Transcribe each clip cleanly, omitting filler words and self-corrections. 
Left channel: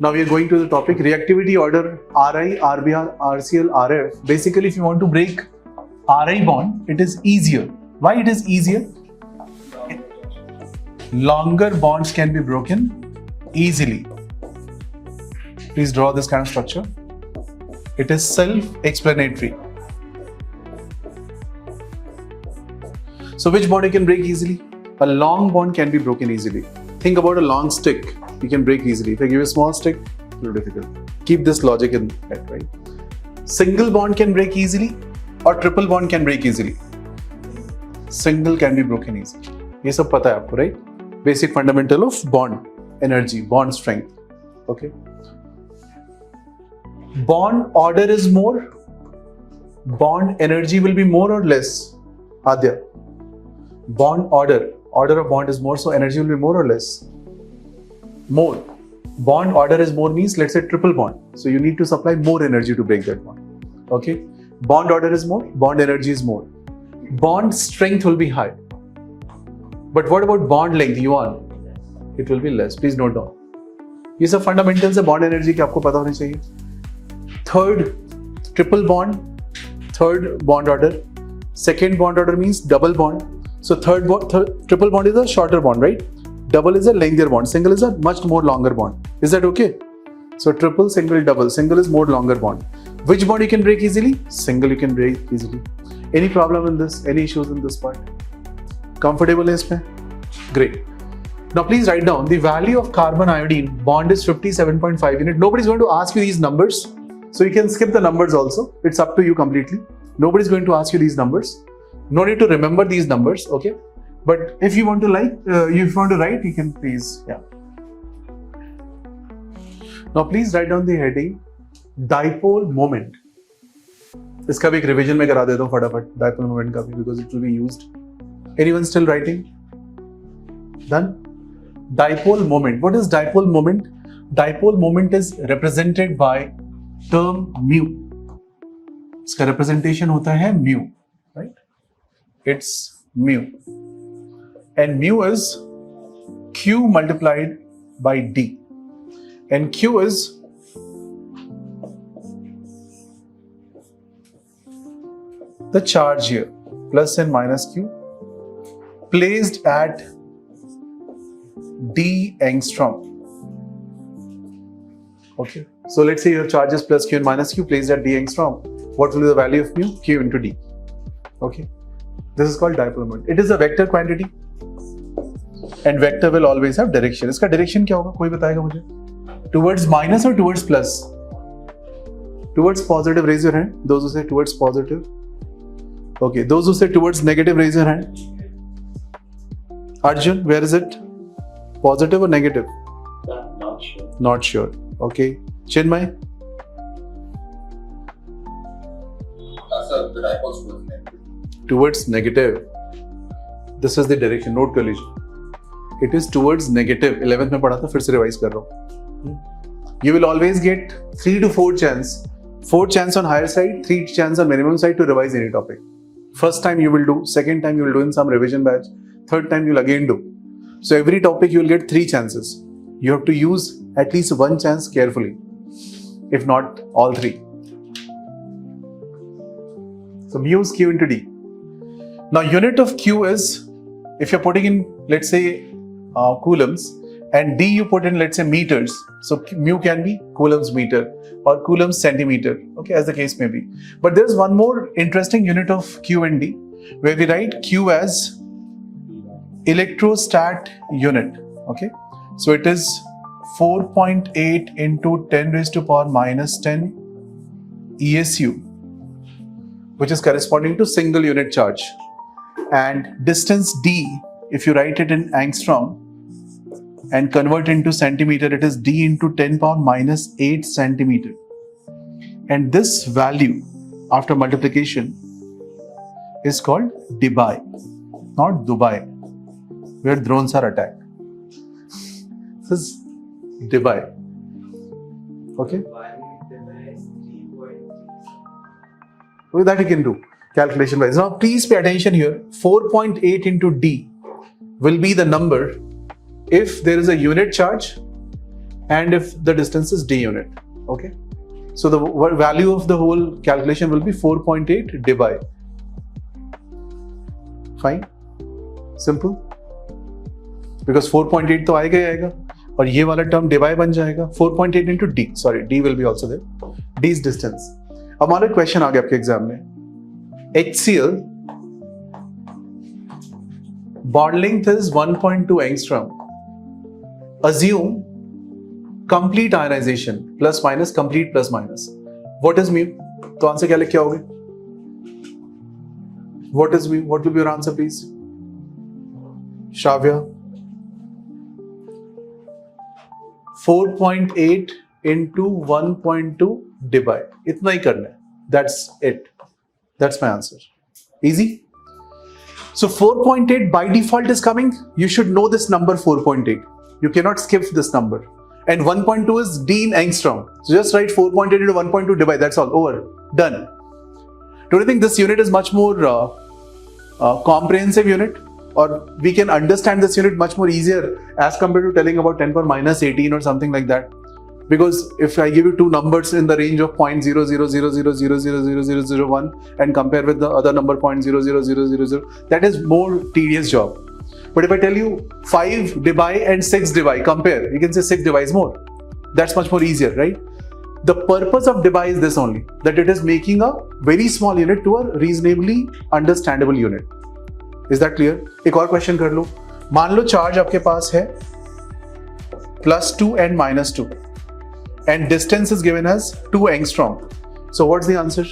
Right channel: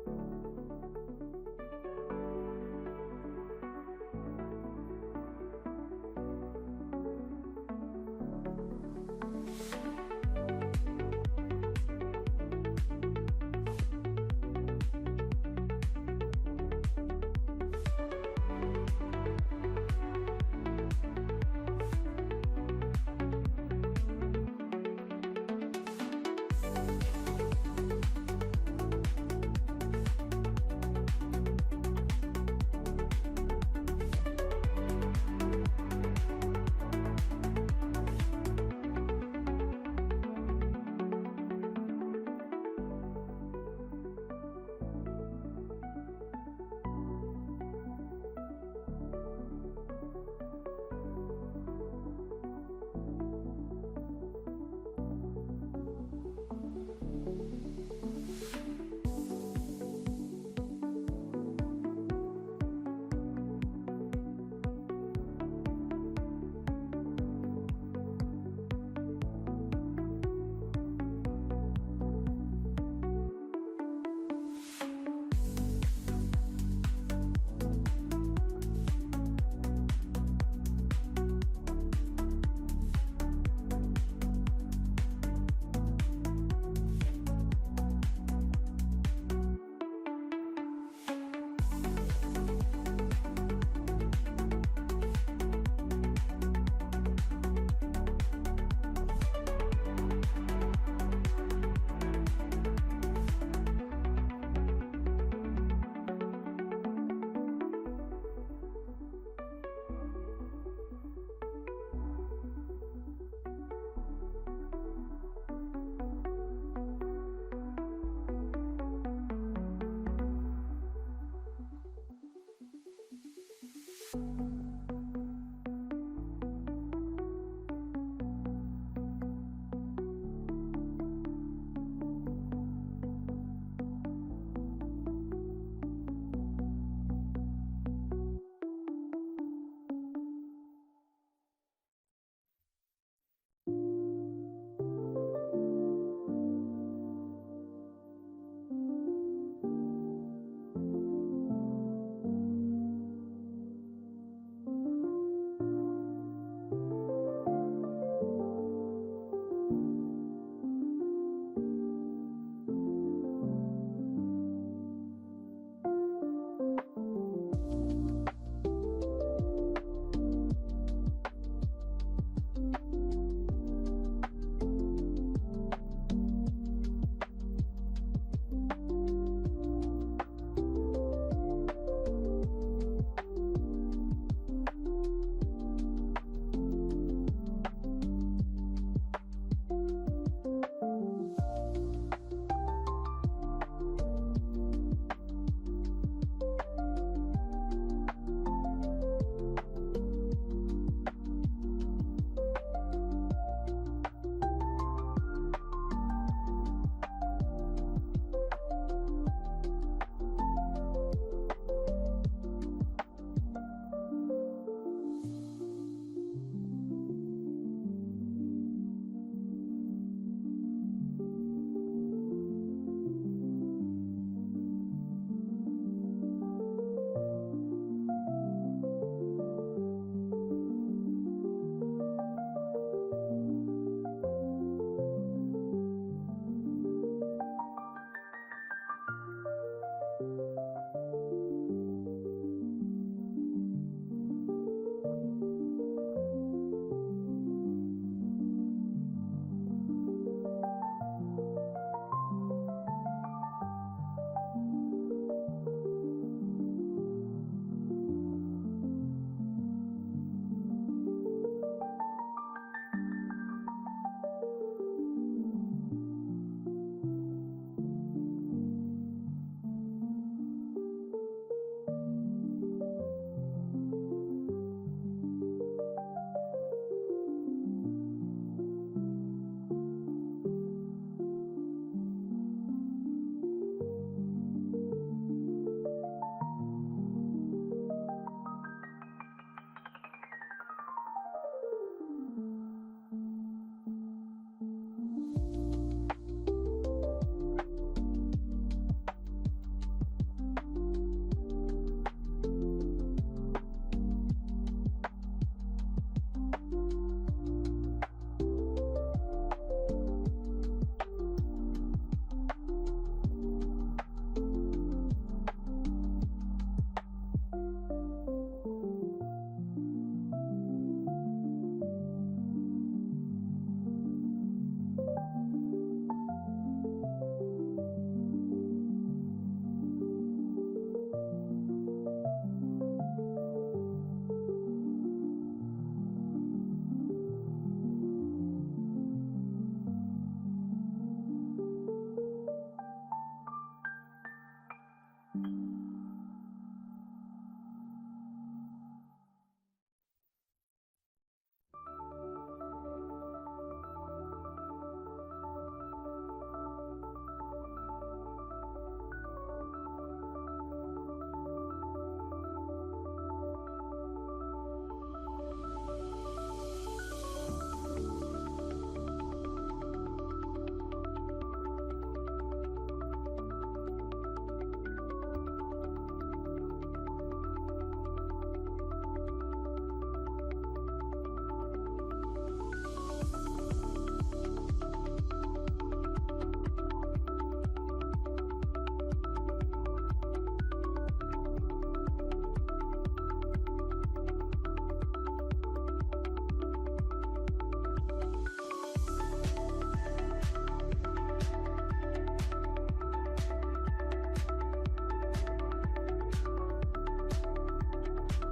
Now we are going to the topic reactivity order Ri, Rbr, Rcl, Rf. Basically, if you want to break Ri bond, it is easier. Why it is easier? Longer bonds can be broken easily. Please draw this kind of structure. It is self-explanatory. So which bond you can break easily? A long bond can be broken easily. Think about a long stick. You can break easily. If I give you a small stick, a little difficult. Keep this logic in head, right? Single bond can break easily or triple bond can break easily. Single can be broken easily. ये सब पता है आपको, right? Basic fundamental of bond energy, bond strength. Okay. Bond order is more. Bond energy will be more or less. Adya. Bond order of bond is more, so energy will be more or less. More. Bond order is more means, let's say triple bond. So you need to supply more energy to break that bond. Okay. Bond order is more, bond energy is more. Bond strength will be high. But what about bond length, yuan? It will be less. Please note down. ये सब fundamentals है bond energy के आपको पता होने चाहिए. Third, triple bond. Third bond order. Second bond order means double bond. So triple bond is a shorter bond, right? Double is a lengthier bond. Single is a much more longer bond. Is that okay? So triple, single, double. Single is more longer bond. Which bond you can break easily? Single you can break easily. Any problem in this? Any issues in this part? Comfortable is mein? Great. Now please write down the value of carbon iodine bond is 57.5 unit. Nobody's going to ask you these numbers. So you can skip the numbers also. It's up to you completely. Nobody's going to ask you these numbers. No need to remember these numbers, okay? But if you want to write, you can please, yeah. Now please write down the heading dipole moment. इसका भी एक revision में करा देता हूँ फटाफट dipole moment का भी because it will be used. Anyone still writing? Done? Dipole moment. What is dipole moment? Dipole moment is represented by term mu. इसका representation होता है mu, right? It's mu. And mu is Q multiplied by D. And Q is the charge here, plus and minus Q, placed at D angstrom. Okay, so let's say your charge is plus Q and minus Q placed at D angstrom. What will be the value of mu? Q into D. Okay, this is called dipole moment. It is a vector quantity. And vector will always have direction. इसका direction क्या होगा? कोई बताएगा मुझे? Towards minus or towards plus? Towards positive, raise your hand. Those who say towards positive. Okay, those who say towards negative, raise your hand. Arjun, where is it? Positive or negative? Not sure. Not sure. Okay. Chinmay? Sir, the dipole's towards negative. Towards negative. This is the direction. Note कर लीजिए. It is towards negative. 11th में पढ़ा था, फिर से revise कर रहा हूँ. You will always get 3 to 4 chance. 4 chance on higher side, 3 chance on minimum side to revise any topic. First time you will do, second time you will do in some revision batch, third time you will again do. So every topic you will get 3 chances. You have to use at least 1 chance carefully, if not all 3. So mu is Q into D. Now unit of Q is, if you're putting in, let's say, coulombs, and D you put in, let's say, meters. So mu can be coulombs meter or coulombs centimeter, okay, as the case may be. But there's one more interesting unit of Q and D, where we write Q as electrostat unit, okay. So it is 4.8 into 10 raised to power minus 10 ESU, which is corresponding to single unit charge. And distance D, if you write it in angstrom and convert into centimeter, it is D into 10 power minus 8 centimeter. And this value after multiplication is called Dubai, not Dubai, where drones are attacked. This is Dubai. Okay? Well, that you can do calculation wise. Now please pay attention here. 4.8 into D will be the number if there is a unit charge and if the distance is d unit. Okay, so the value of the whole calculation will be 4.8 divided. Fine, simple, because 4.8 तो आएगा ही आएगा और ये वाला term divide बन जाएगा 4.8 into d. Sorry, d will be also there. d is distance. अब हमारा क्वेश्चन आ गया आपके एग्जाम में. HCl bond length is 1.2 angstrom. Assume complete ionization plus minus complete plus minus. What is mu? तो answer क्या लिख के आओगे? What is mu? What will be your answer, please? Shravya. 4.8 into 1.2 divide. इतना ही करना है. That's it. That's my answer. Easy. So 4.8 by default is coming. You should know this number 4.8. You cannot skip this number. And 1.2 is d in angstrom. So just write 4.8 into 1.2 divide. That's all. Over. Done. Don't you think this unit is much more comprehensive unit? Or we can understand this unit much more easier as compared to telling about 10 power minus 18 or something like that. Because if I give you two numbers in the range of 0.00000000001 and compare with the other number 0.00000, that is more tedious job. But if I tell you 5 divide and 6 divide, compare, you can say 6 divide is more. That's much more easier, right? The purpose of divide is this only, that it is making a very small unit to a reasonably understandable unit. Is that clear? एक और question कर लो. मान लो charge आपके पास है +2 and -2 and distance is given as 2 angstrom. So what's the answer?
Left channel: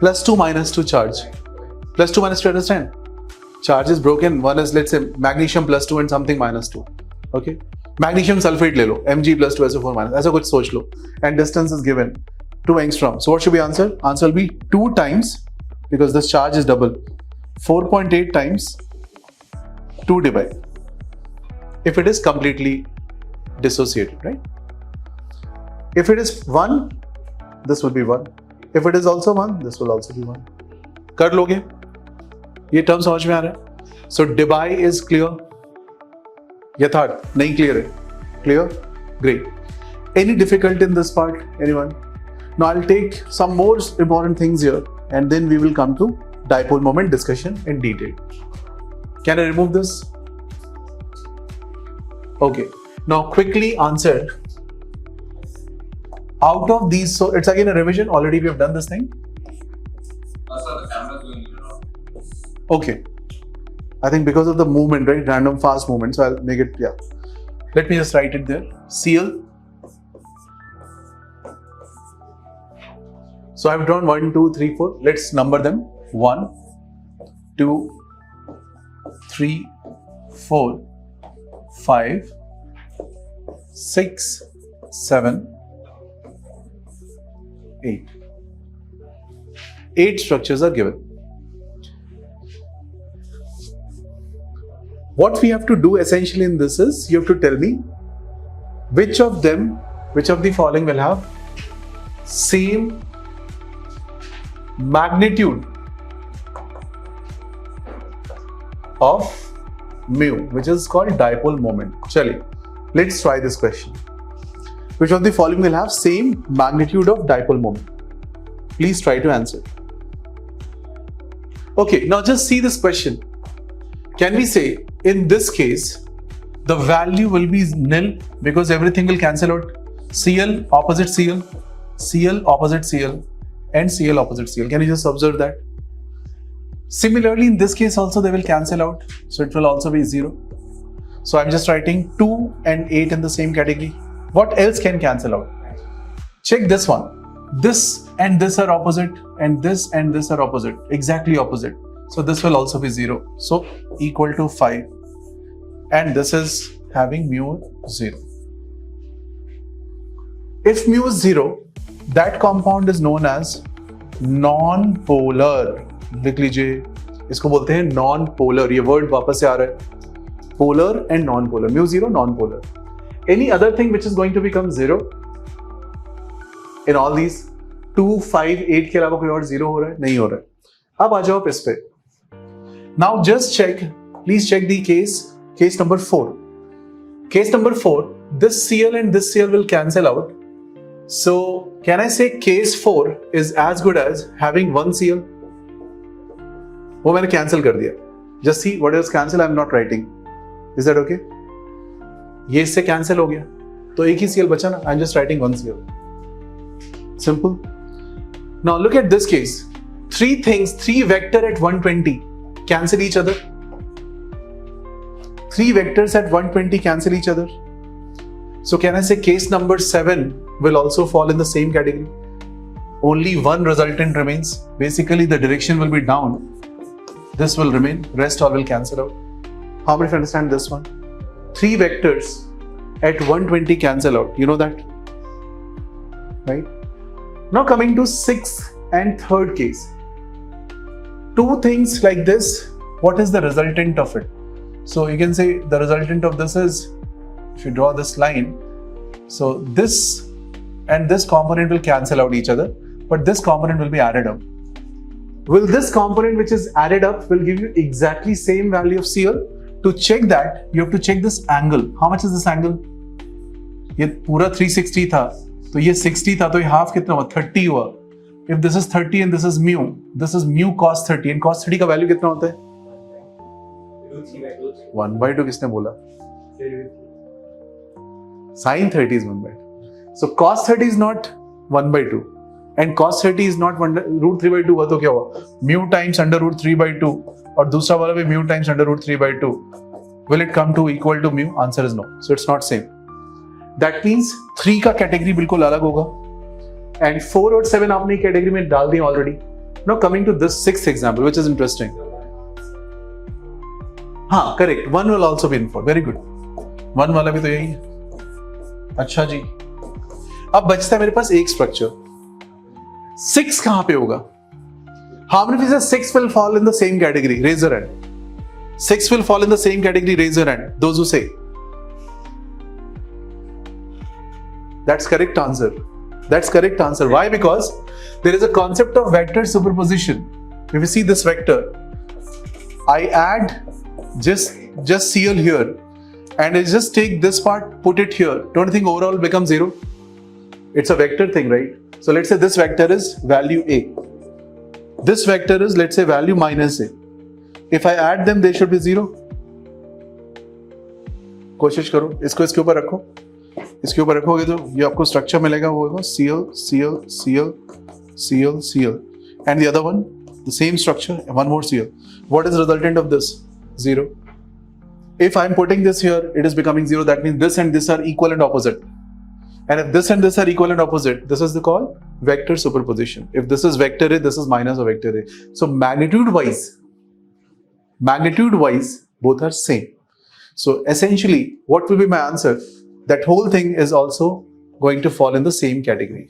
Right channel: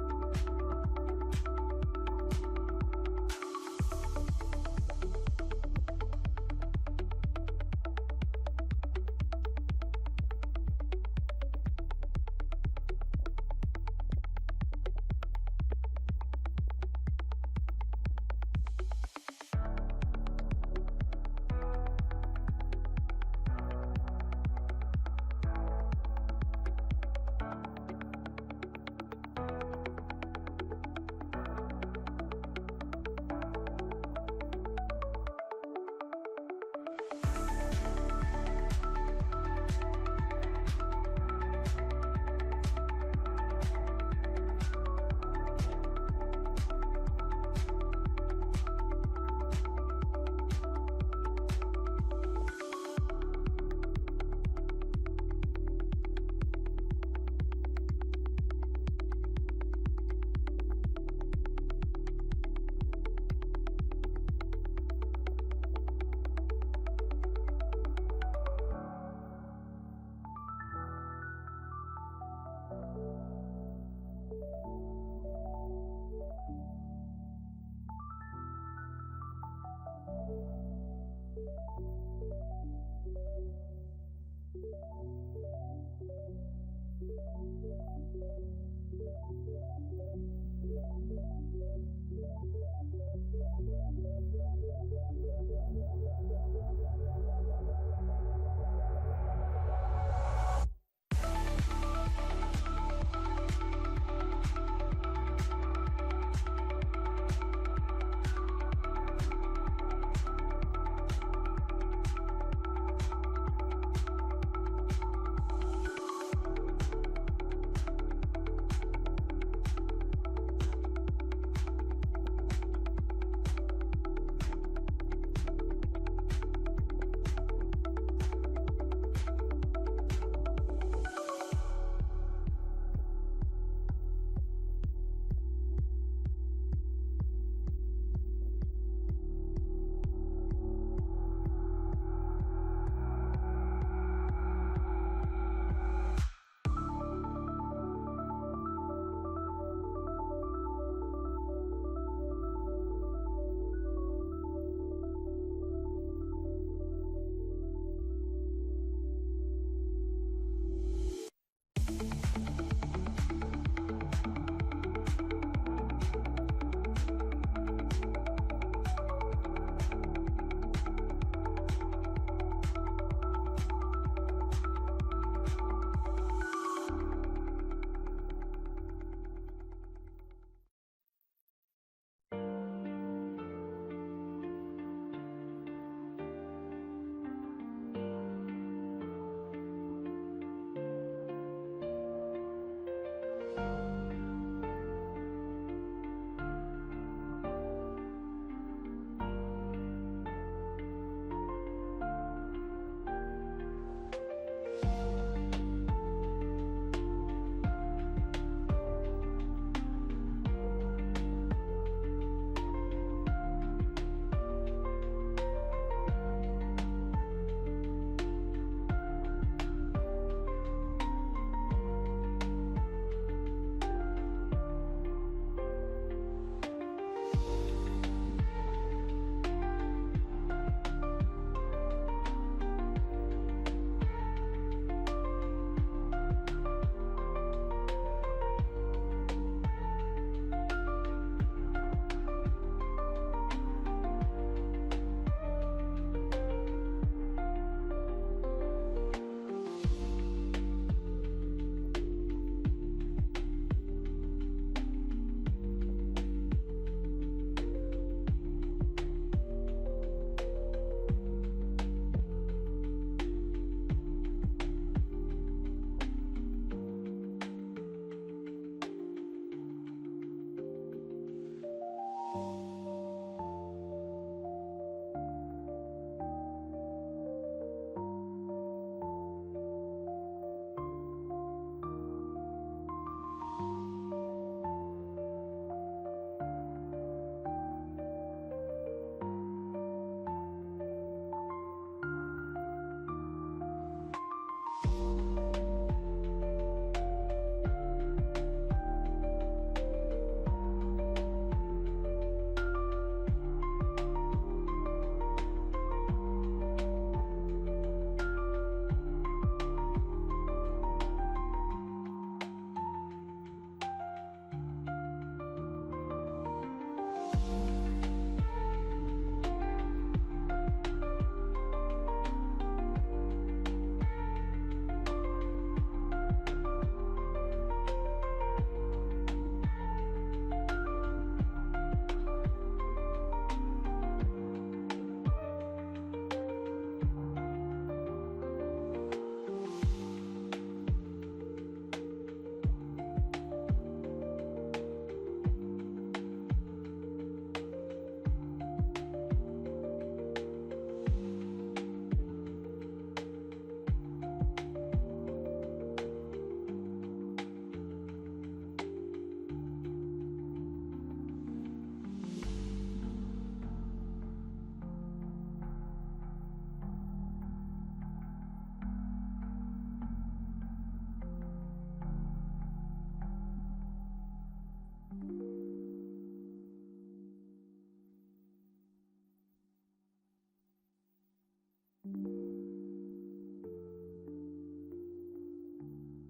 +2 -2 charge. +2 -2, understand? Charge is broken. One is, let's say, magnesium +2 and something -2. Okay? Magnesium sulfate ले लो, Mg +2 SO4 minus. ऐसा कुछ सोच लो. And distance is given 2 angstrom. So what should be answer? Answer will be 2 times, because this charge is double, 4.8 times 2 divide. If it is completely dissociated, right? If it is 1, this will be 1. If it is also 1, this will also be 1. कर लोगे? ये term समझ में आ रहा है? So divide is clear. यथार्थ नहीं clear है? Clear? Great. Any difficulty in this part? Anyone? Now I'll take some more important things here, and then we will come to dipole moment discussion in detail. Can I remove this? Okay. Now quickly answer. Out of these, so it's again a revision. Already we have done this thing. Sir, the camera is doing it wrong. Okay. I think because of the movement, right? Random fast movement. So I'll make it, yeah. Let me just write it there. Cl. So I've drawn 1, 2, 3, 4. Let's number them. 1, 2, 3, 4, 5, 6, 7, 8. 8 structures are given. What we have to do essentially in this is, you have to tell me which of the following will have same magnitude of mu, which is called dipole moment. Chale, let's try this question. Which of the following will have same magnitude of dipole moment? Please try to answer. Okay, now just see this question. Can we say, in this case, the value will be nil because everything will cancel out? Cl opposite Cl, Cl opposite Cl, and Cl opposite Cl. Can you just observe that? Similarly, in this case also they will cancel out, so it will also be 0. So I'm just writing 2 and 8 in the same category. What else can cancel out? Check this one. This and this are opposite, and this are opposite, exactly opposite. So this will also be 0. So equal to 5. And this is having mu 0. If mu is 0, that compound is known as non-polar. लिख लीजिए, इसको बोलते हैं non-polar. ये word वापस से आ रहा है. Polar and non-polar. Mu 0, non-polar. Any other thing which is going to become 0? In all these 2, 5, 8 के अलावा कोई और 0 हो रहा है? नहीं हो रहा है. अब आ जाओ इस पे. Now just check, please check the case number 4. Case number 4, this Cl and this Cl will cancel out. So can I say case 4 is as good as having one Cl? वो मैंने cancel कर दिया. Just see what is cancel. I'm not writing. Is that okay? ये इससे cancel हो गया. तो एक ही Cl बचा ना. I'm just writing one Cl. Simple. Now look at this case. Three vector at 120 cancel each other. 3 vectors at 120 cancel each other. So can I say case number 7 will also fall in the same category? Only one resultant remains. Basically the direction will be down. This will remain, rest all will cancel out. How many of you understand this one? 3 vectors at 120 cancel out. You know that? Right? Now coming to 6th and 3rd case. 2 things like this, what is the resultant of it? So you can say the resultant of this is, if you draw this line, so this and this component will cancel out each other, but this component will be added up. Will this component which is added up will give you exactly same value of Cl? To check that, you have to check this angle. How much is this angle? ये पूरा 360 था, तो ये 60 था, तो ये half कितना हुआ? 30 हुआ. If this is 30 and this is mu cos 30, and cos 30 का value कितना होता है? 1/2 किसने बोला? Sin 30 is 1/2. So cos 30 is not 1/2. And cos 30 is not root 3/2 हुआ तो क्या हुआ? Mu times under root 3/2 और दूसरा वाला भी mu times under root 3/2. Will it come to equal to mu? Answer is no. So it's not same. That means 3 का category बिल्कुल अलग होगा. And 4 और 7 आपने category में डाल दिए already. Now coming to this 6th example, which is interesting. हाँ, correct. 1 will also be in 4. Very good. 1 वाला भी तो यही है. अच्छा जी. अब बचता है मेरे पास एक structure. 6 कहाँ पे होगा? How many of you say 6 will fall in the same category? Raise your hand. 6 will fall in the same category. Raise your hand. Those who say. That's correct answer. That's correct answer. Why? Because there is a concept of vector superposition. If you see this vector, I add just Cl here, and I just take this part, put it here. Don't you think overall will become 0? It's a vector thing, right? So let's say this vector is value A. This vector is, let's say, value minus A. If I add them, they should be 0. कोशिश करो, इसको इसके ऊपर रखो. इसके ऊपर रखोगे तो ये आपको स्ट्रक्चर मिलेगा, वो होगा Cl, Cl, Cl, Cl, Cl, and the other one, the same structure, one more Cl. What is the resultant of this? 0. If I am putting this here, it is becoming 0. That means this and this are equal and opposite. And if this and this are equal and opposite, this is called vector superposition. If this is vector A, this is minus of vector A. So magnitude-wise, both are same. So essentially, what will be my answer? That whole thing is also going to fall in the same category.